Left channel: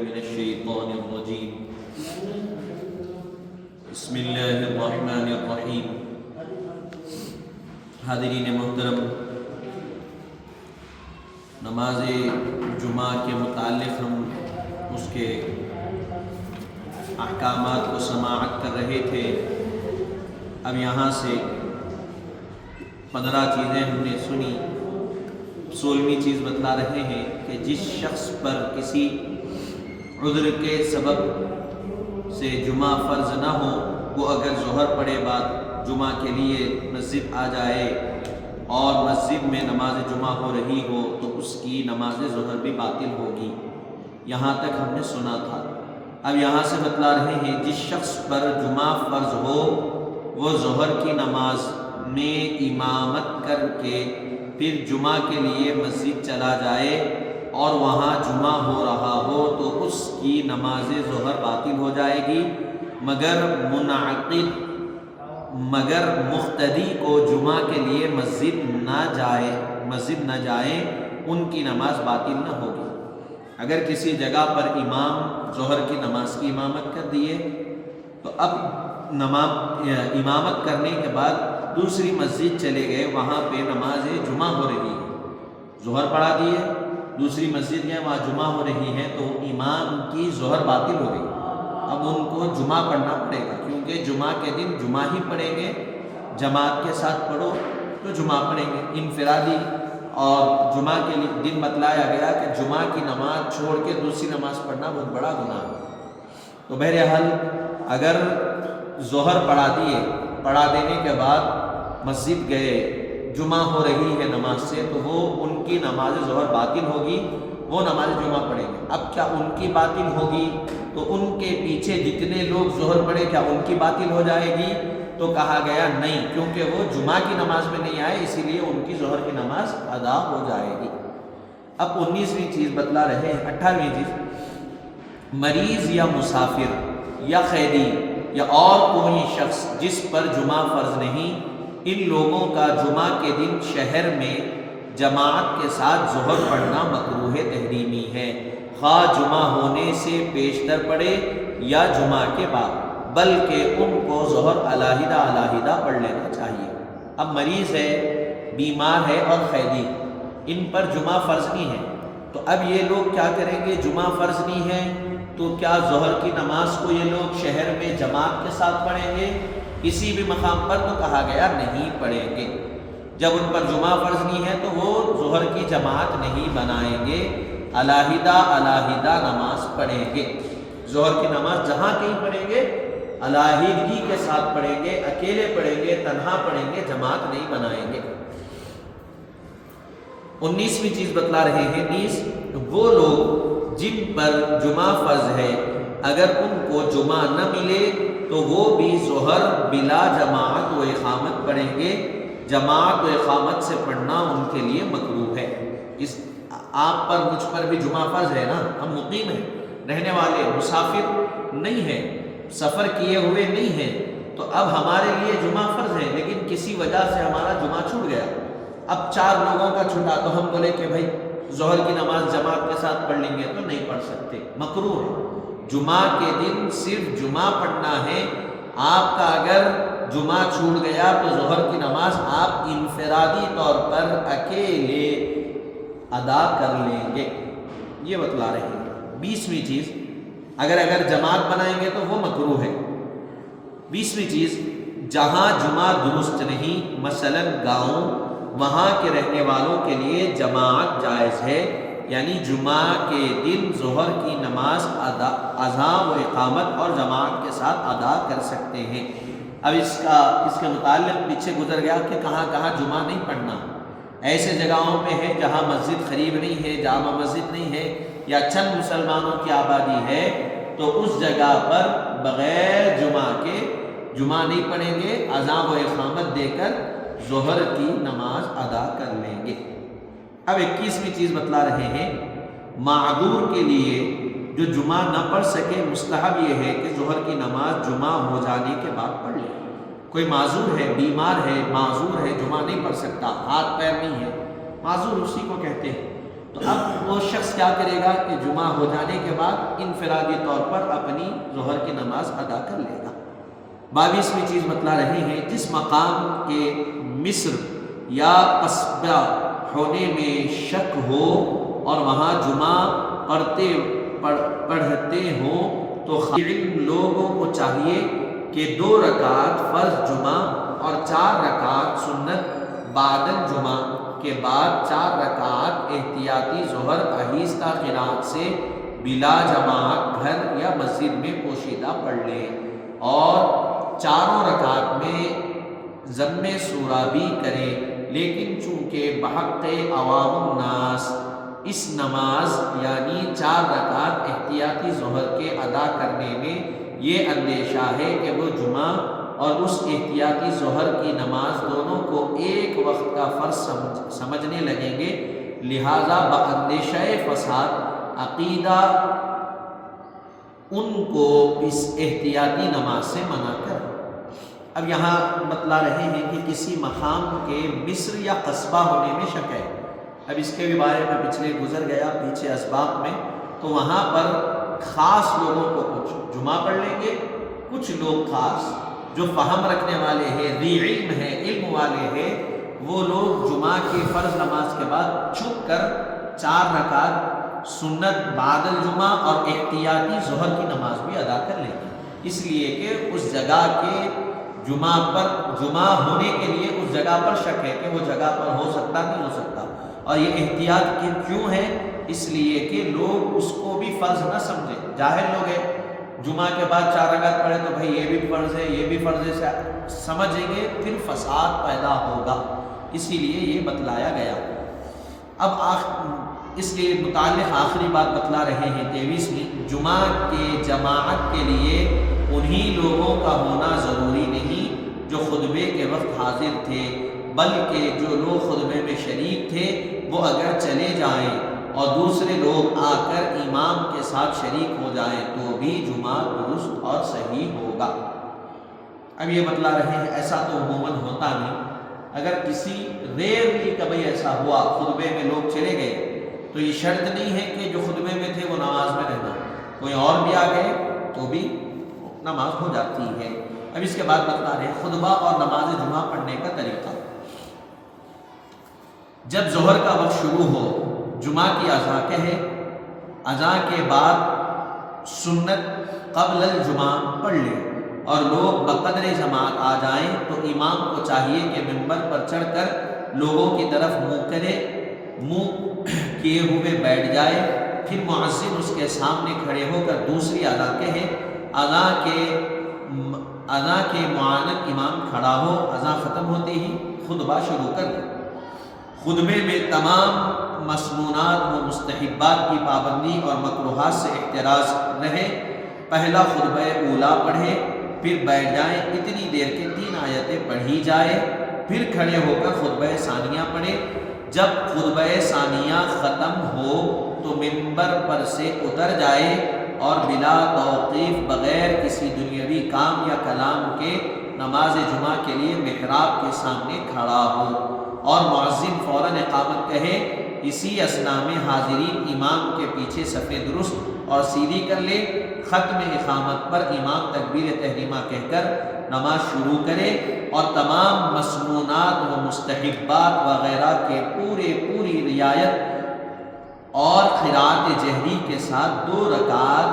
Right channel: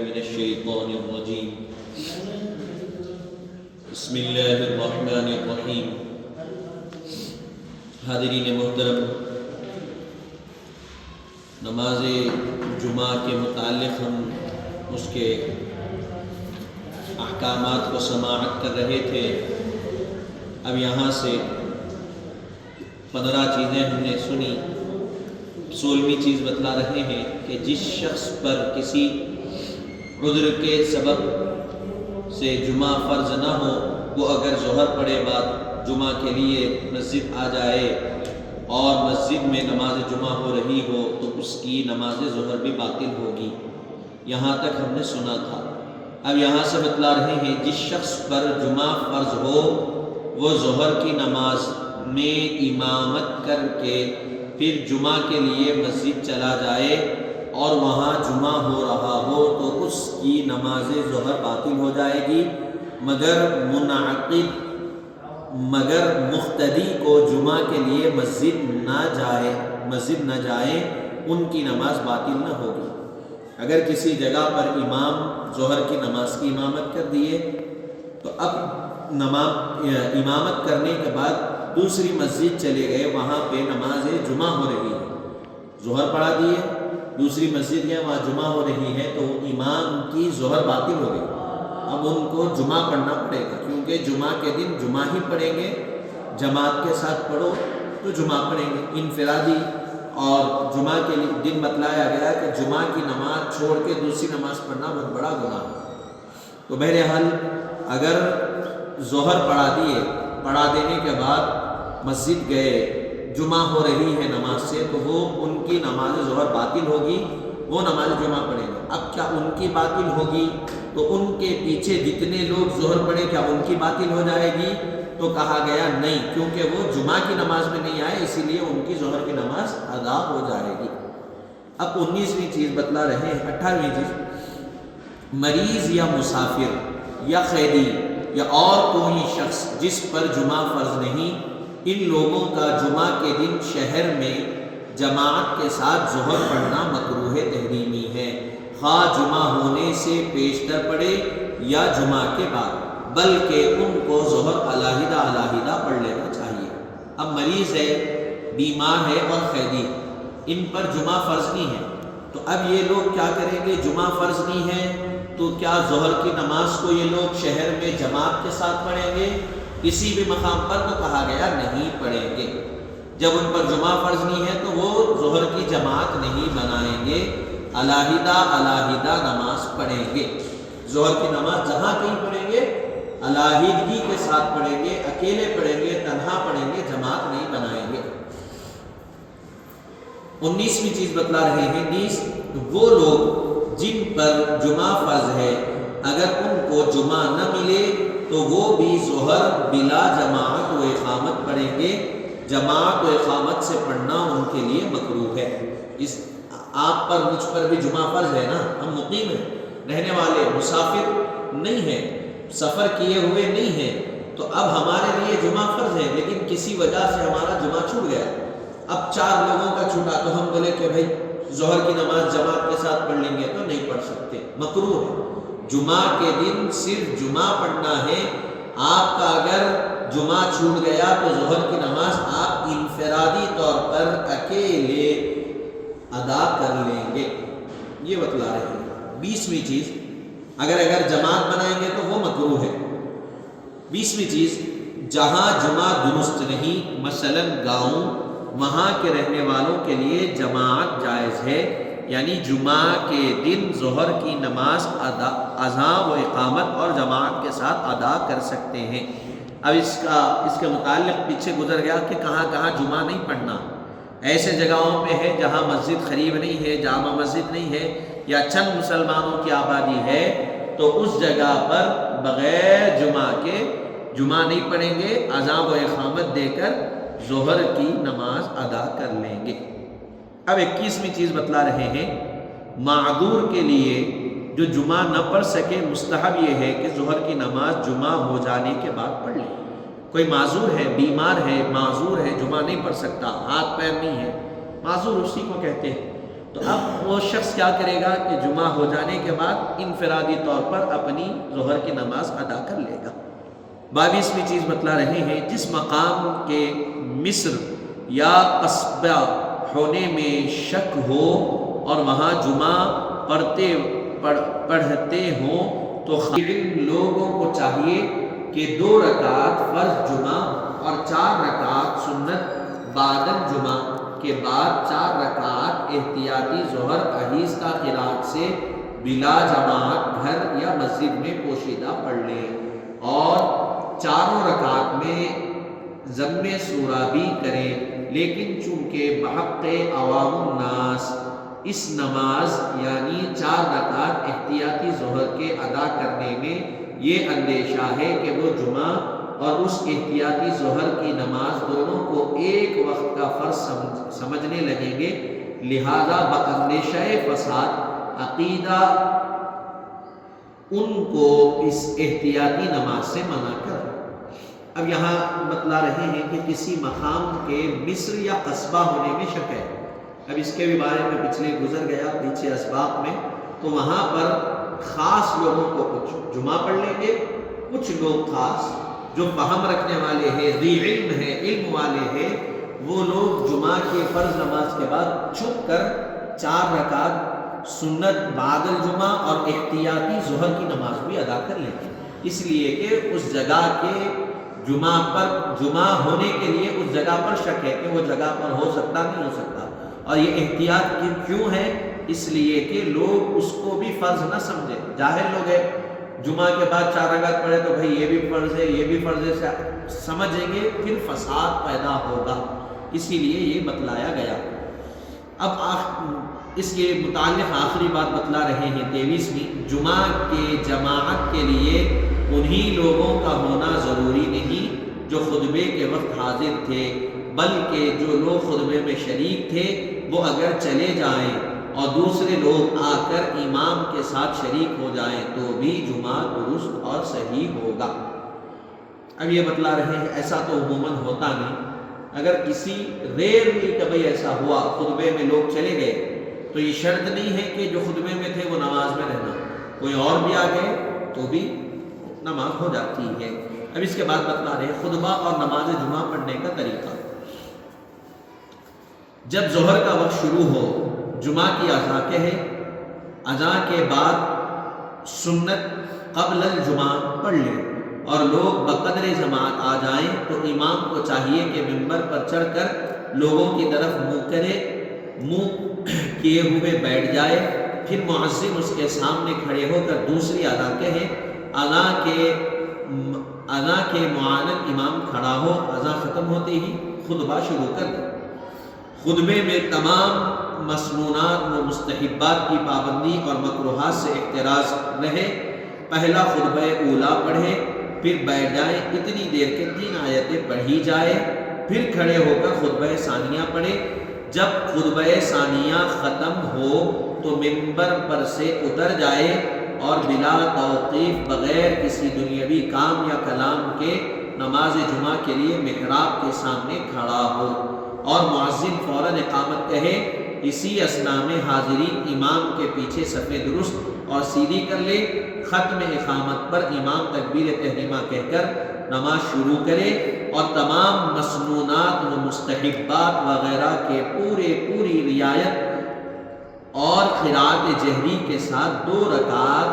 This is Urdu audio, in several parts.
من الشیطان الرجیم بسم اللہ الرحمن الرحیم۔ حاضرین محترم، نماز جمعہ کے متعلق ہم اس کے احکامات کو سماعت کر رہے تھے۔ اب یہاں سے 15 چیزیں ہم نے سنی۔ 16ویں چیز بتلا رہے ہیں کہ جس شخص پر کسی عذر کے سبب سے جمعہ فرض نہ ہو، وہ اگر ظہر پڑے بعد جمعہ کے لیے مسجد آ جائے اور مسجد میں نماز جمعہ ہو رہی ہو تو اس کی نماز ظہر بھی باطل ہوگی۔ یہاں تک ہم نے سنا تھا۔ اب یہاں سے بتلا رہے ہیں جس شخص پر جمعہ فرض ہو وہ ظہر کی نماز میں امامت کر کے پھر جمعہ کے لیے مسجد چلا جائے اور وہاں جمعہ ہو رہا ہو تو اس کی نماز ظہر باطل ہو جائے گی، مگر مقتدی کو جمعہ کے لیے مسجد نہ جائے ان کی نماز باطل نہ ہوگی۔ اگر کسی جگہ پر امام ظہر کی نماز کی امامت کر دیے تو اب امامت کرنے کے بعد دوسری مسجد چلے گئے، وہاں پہ نماز جمعہ ہو رہی ہے، ظہر پڑھا دیے، دوسری مسجد گئے وہاں جمعہ ہو رہی ہے تو امام کی ظہر باطل ہو گئی۔ اب ان کو جمعہ پڑھنا پڑے گا، کیونکہ جمعہ کے دن جمعہ ہی پڑھیں گے۔ جماعت کے ساتھ پڑھو تو جمعہ پڑھیں گے انفرادی، اور جمعہ کے دن بتلایا گیا کہ جمعہ کی نماز چھوڑ کے دوسری نماز پڑھنا بہت بڑا گناہ ہے۔ تو بہرحال اگر ظہر پڑھا دینے کے بعد مسجد گئے، جمعہ ہو رہی ہے نماز سے، تو وہ ان کی نماز ظہر باطل ہوگی، وہ نماز جمعہ پڑھیں گے۔ اب کیا ان کی باطل ہوگی تو ان کے پیچھے جتنے لوگ ظہر پڑھے کیا ان کی باطل ہو جائے گی؟ تو کہا گیا نہیں، کیونکہ وہ جمعہ کی نماز میں نہیں آئے، اسی لیے ان کی ظہر کی نماز ادا ہو جائے گی۔ اب 19ویں چیز بتلا رہے ہیں، 18ویں چیز، مریض یا مسافر یا قیدی یا اور کوئی شخص جس پر جمعہ فرض نہیں، ان لوگوں کا جمعہ کے دن شہر میں جماعت کے ساتھ ظہر پڑھنا مکروہ تحریمی ہے، خواہ جمعہ ہونے سے پیشتر پڑے یا جمعہ کے بعد، بلکہ ان کو ظہر علیحدہ پڑھ لینا چاہیے۔ اب مریض ہے، بیمار ہے اور قیدی، ان پر جمعہ فرض نہیں ہے، تو اب یہ لوگ کیا کریں گے؟ جمعہ فرض نہیں ہے تو کیا ظہر کی نماز کو یہ لوگ شہر میں جماعت کے ساتھ پڑھیں گے؟ کسی بھی مقام پر تو کہا گیا نہیں پڑھیں گے۔ جب ان پر جمعہ فرض نہیں ہے تو وہ ظہر کی جماعت نہیں بنائیں گے، علیحدہ نماز پڑھیں گے۔ ظہر کی نماز جہاں کہیں پڑھیں گے علیحدگی کے ساتھ پڑھیں گے، اکیلے پڑھیں گے، تنہا پڑھیں گے، جماعت نہیں بنائیں گے۔ 19ویں چیز بتلا رہے ہیں، 19 وہ لوگ جن پر جمعہ فرض ہے اگر ان کو جمعہ نہ ملے تو وہ بھی ظہر بلا جماعت و اقامت پڑھیں گے۔ جماعت و اقامت سے پڑھنا ان کے لیے مکروہ ہے۔ آپ پر مجھ پر بھی جمعہ فرض ہے نا، ہم مقیم ہیں، رہنے والے، مسافر نہیں ہیں، سفر کیے ہوئے نہیں ہیں، تو اب ہمارے لیے جمعہ فرض ہے، لیکن کسی وجہ سے ہمارا جمعہ چھوٹ گیا۔ اب 4 لوگوں کا چھوٹا تو ہم بولے کہ بھائی ظہر کی نماز جماعت کے ساتھ پڑھ لیں گے، تو نہیں پڑھ سکتے، مکروہ ہے۔ جمعہ کے دن صرف جمعہ پڑھنا ہے۔ آپ کا اگر جمعہ چھوٹ گیا تو ظہر کی نماز آپ انفرادی طور پر اکیلے ادا کر لیں گے، یہ بتلا رہے ہیں۔ 20ویں چیز، اگر جماعت بنائیں گے تو وہ مکروہ ہے۔ 20ویں چیز، جہاں جمعہ درست نہیں، مثلا گاؤں، وہاں کے رہنے والوں کے لیے جماعت جائز ہے، یعنی جمعہ کے دن ظہر کی نماز اذان و اقامت اور جماعت کے ساتھ ادا کر سکتے ہیں۔ اب اس کے متعلق پیچھے گزر گیا کہ کہاں کہاں جمعہ نہیں پڑھنا۔ ایسے جگہوں پہ ہے جہاں مسجد قریب نہیں ہے، جامع مسجد نہیں ہے، یا چند مسلمانوں کی آبادی ہے، تو اس جگہ پر بغیر جمعہ کے جمعہ نہیں پڑھیں گے، اذان و اقامت دے کر ظہر کی نماز ادا کر لیں گے۔ اب 21ویں چیز بتلا رہے ہیں، معذور کے لیے جو جمعہ نہ پڑھ سکے، مستحب یہ ہے کہ ظہر کی نماز جمعہ ہو جانے کے بعد پڑھ لے۔ کوئی معذور ہے، بیمار ہے، معذور ہے، جمعہ نہیں پڑھ سکتا، ہاتھ پیر نہیں ہے، معذور اسی کو کہتے ہیں، تو اب وہ شخص کیا کرے گا کہ جمعہ ہو جانے کے بعد انفرادی طور پر اپنی ظہر کی نماز ادا کر لے گا۔ 22ویں چیز بتلا رہے ہیں، جس مقام کے مصر یا قصبہ ہونے میں شک ہو اور وہاں جمعہ پڑھتے ہوں تو علم لوگوں کو چاہیے کہ 2 رکعت فرض جمعہ اور 4 رکعت سنت بعد الجمعہ کے بعد 4 رکعت احتیاطی ظہر آہستہ قرات سے بلا جماعت گھر یا مسجد میں پوشیدہ پڑھ لیں، اور 4 رکعت میں ضم سورہ بھی کریں، لیکن چونکہ بحق عوام الناس اس نماز یعنی 4 رکعت احتیاطی ظہر کے ادا کرنے میں یہ اندیشہ ہے کہ وہ جمعہ اور اس احتیاطی ظہر کی نماز دونوں کو ایک وقت کا فرض سمجھنے لگیں گے، لہذا باندیشہ فساد عقیدہ ان کو اس احتیاطی نماز سے منع کر۔ اب یہاں بتلا رہے ہیں کہ کسی مقام کے مصر یا قصبہ ہونے میں شک ہے۔ اب اس کے بھی بارے میں پچھلے گزر گیا پیچھے اسباق میں، تو وہاں پر خاص لوگوں کو کچھ جمعہ پڑھ لیں گے، کچھ لوگ خاص جو فہم رکھنے والے ہیں، ذی علم ہیں، علم والے ہیں، وہ لوگ جمعہ کی فرض نماز کے بعد چھپ کر 4 رکعت سنت بعد الجمعہ اور احتیاطی ظہر کی نماز بھی ادا کر لیں گے، اس لیے کہ اس جگہ کے جمعہ ہونے کے لیے اس جگہ پر شک ہے کہ وہ جگہ پر ہو سکتا نہیں ہو سکتا، اور یہ احتیاط کیوں ہے؟ اس لیے کہ لوگ اس کو بھی فرض نہ سمجھیں، جاہل لوگ ہیں، جمعہ کے بعد 4 رکعت پڑھے تو بھائی یہ بھی فرض ہے یہ بھی فرض ہے سمجھیں گے، پھر فساد پیدا ہوگا، اسی لیے یہ بتلایا گیا۔ اب اس کے متعلق آخری بات بتلا رہے ہیں 23ویں، جمعہ کے جماعت کے لیے انہی لوگوں کا ہونا ضروری نہیں جو خطبے کے وقت حاضر تھے، بلکہ جو لوگ خطبے میں شریک تھے وہ اگر چلے جائیں اور دوسرے لوگ آ کر امام کے ساتھ شریک ہو جائیں تو بھی جمعہ درست اور صحیح ہوگا۔ اب یہ بتلا رہے ہیں ایسا تو عموماً ہوتا نہیں، اگر کسی ریئرلی کبھی ایسا ہوا خطبے میں لوگ چلے گئے تو یہ شرط نہیں ہے کہ جو خطبے میں تھے وہ نماز میں رہنا، کوئی اور بھی آ گئے تو بھی نماز ہو جاتی ہے۔ اب اس کے بعد بتلا رہے ہیں خطبہ اور نماز جمعہ پڑھنے کا طریقہ۔ جب ظہر کا وقت شروع ہو، جمعہ کی اذان کہے، اذان کے بعد سنت قبل الجمعہ پڑھ لیں، اور لوگ بقدر جماعت آ جائیں تو امام کو چاہیے کہ منبر پر چڑھ کر لوگوں کی طرف منہ کیے ہوئے بیٹھ جائے، پھر مؤذن اس کے سامنے کھڑے ہو کر دوسری اذان کہے، اذان کے معاند امام کھڑا ہو، اذان ختم ہوتے ہی خطبہ شروع کر دے۔ خطبے میں تمام مسنونات و مستحبات کی پابندی اور مکروہات سے احتراز رہے، پہلا خطبہ اولا پڑھے، پھر بیٹھ جائیں اتنی دیر کے 3 آیتیں پڑھی جائے، پھر کھڑے ہو کر خطبہ ثانیہ پڑھے، جب خطبہ ثانیہ ختم ہو تو منبر پر سے اتر جائے اور بلا توقیف بغیر کسی دنیاوی کام یا کلام کے نماز جمعہ کے لیے محراب کے سامنے کھڑا ہو، اور مؤذن فوراً اقامت کہے، اسی اثناء میں حاضرین امام کے پیچھے صف درست اور سیدھی کر لے، ختم اقامت پر امام تکبیر تحریمہ کہہ کر نماز شروع کرے، اور تمام مسنونات و مستحبات وغیرہ کے پوری رعایت اور قرات جہری کے ساتھ 2 رکعت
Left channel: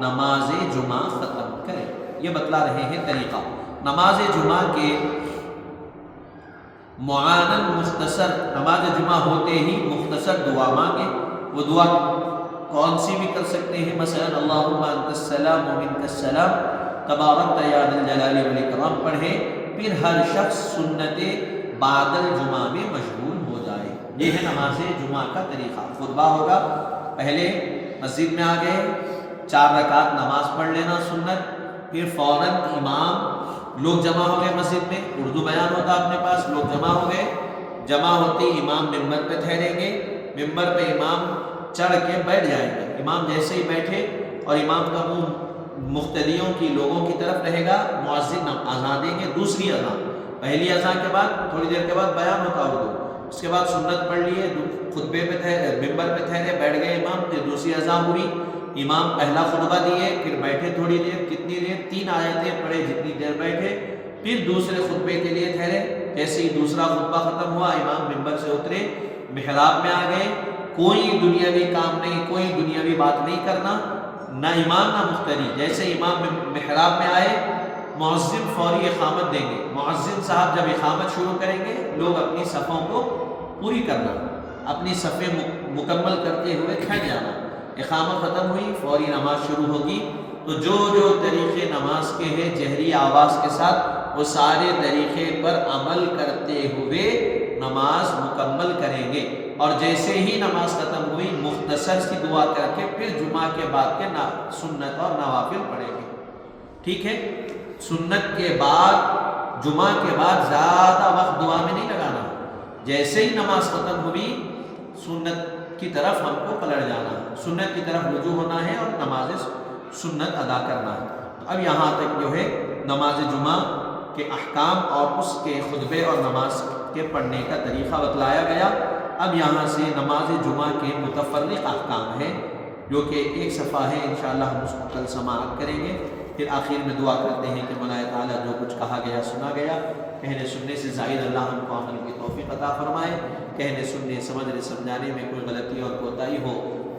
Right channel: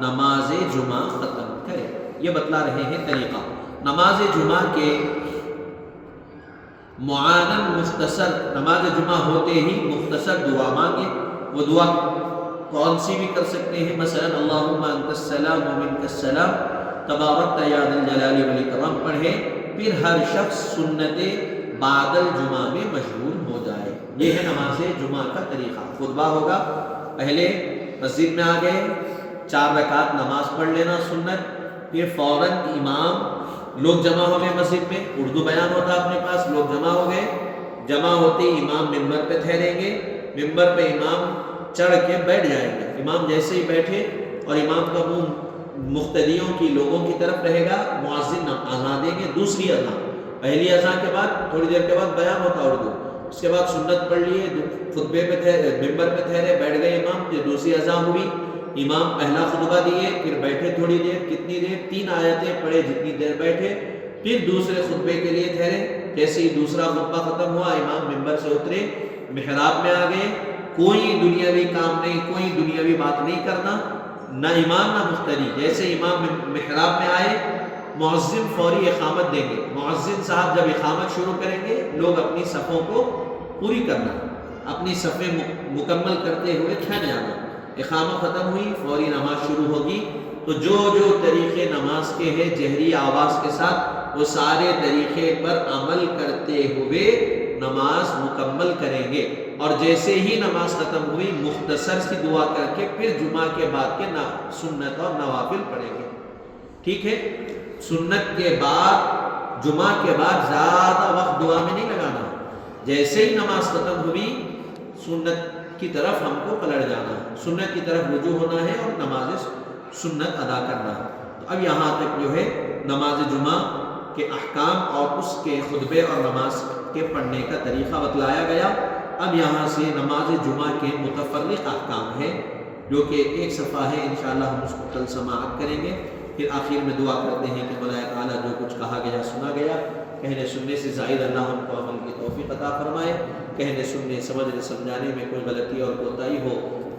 نماز جمعہ ختم کرے۔ یہ بتلا رہے ہیں طریقہ۔ نماز جمعہ کے معانن مختصر، نماز جمعہ ہوتے ہی مختصر دعا مانگے، وہ دعا کون سی بھی کر سکتے ہیں، مثلا اللہم انت السلام و منک السلام تبارکت یا ذا الجلال والاکرام پڑھے، پھر ہر شخص سنت بعد الجمعہ میں مشغول ہو جائے۔ یہ ہے نماز جمعہ کا طریقہ۔ خطبہ ہوگا، پہلے مسجد میں آ گئے، 4 رکعت نماز پڑھ لینا سنت، پھر فوراً امام، لوگ جمع ہو گئے مسجد میں، اردو بیان ہوتا اپنے پاس، لوگ جمع ہو گئے، جمع ہوتی امام منبر پہ ٹھہریں گے، منبر پہ امام چڑھ کے بیٹھ جائیں گے، امام جیسے ہی بیٹھے اور امام کا منہ مقتدیوں کی لوگوں کی طرف رہے گا، مؤذن اذان دیں گے، دوسری اذان، پہلی اذان کے بعد تھوڑی دیر کے بعد بیان ہوتا اردو، اس کے بعد سنت پڑھ لیے، خطبے پہ ٹھہرے، ممبر پہ ٹھہرے، بیٹھ گئے امام، پھر دوسری اذان ہوئی، امام پہلا خطبہ دیے، پھر بیٹھے تھوڑی دیر، کتنی دیر؟ 3 آیتیں پڑھے جتنی دیر بیٹھے، پھر دوسرے خطبے کے لیے ٹھہرے۔ جیسے ہی دوسرا خطبہ ختم ہوا، امام ممبر سے اترے، محراب میں آ گئے، کوئی دنیاوی کام نہیں، کوئی دنیاوی بات نہیں کرنا، نہ امام نہ مقتدی۔ جیسے امام محراب میں آئے، مؤذن فوری اقامت دیں گے، مؤذن صاحب جب اقامت شروع کریں گے، لوگ اپنی صفوں کو پوری کرنا، اپنی صفیں مکمل کرتے ہوئے ٹھہر جانا۔ اقامت ختم ہوئی، فوری نماز شروع ہوگی، تو جو جو طریقے نماز کے ہیں جہری آواز کے ساتھ، وہ سارے طریقے پر عمل کرتے ہوئے نماز مکمل کریں گے۔ اور جیسے ہی نماز ختم ہوئی، مختصر سی دعا کر کے پھر جمعہ کے بعد کے سنت اور نوافل پڑھیں گے۔ ٹھیک ہے؟ سنت کے بعد، جمعہ کے بعد زیادہ وقت دعا میں نہیں لگانا، جیسے ہی نماز ختم ہوئی سنت کی طرف ہم کو پلٹ جانا ہے، سنت کی طرف رجوع ہونا ہے اور نماز سنت ادا کرنا ہے۔ تو اب یہاں تک جو ہے نماز جمعہ کے احکام اور اس کے خطبے اور نماز کے پڑھنے کا طریقہ بتلایا گیا۔ اب یہاں سے نماز جمعہ کے متفرق احکام ہیں، جو کہ ایک صفحہ ہے، انشاءاللہ ہم اس کو کل سماعت کریں گے۔ پھر آخر میں دعا کرتے ہیں کہ مولا تعالیٰ جو کچھ کہا گیا سنا گیا، کہنے سننے سے زائد اللہ ہم کو عمل کی توفیق عطا فرمائے، کہنے سننے سمجھنے سمجھانے میں کوئی غلطی اور کوتاہی ہو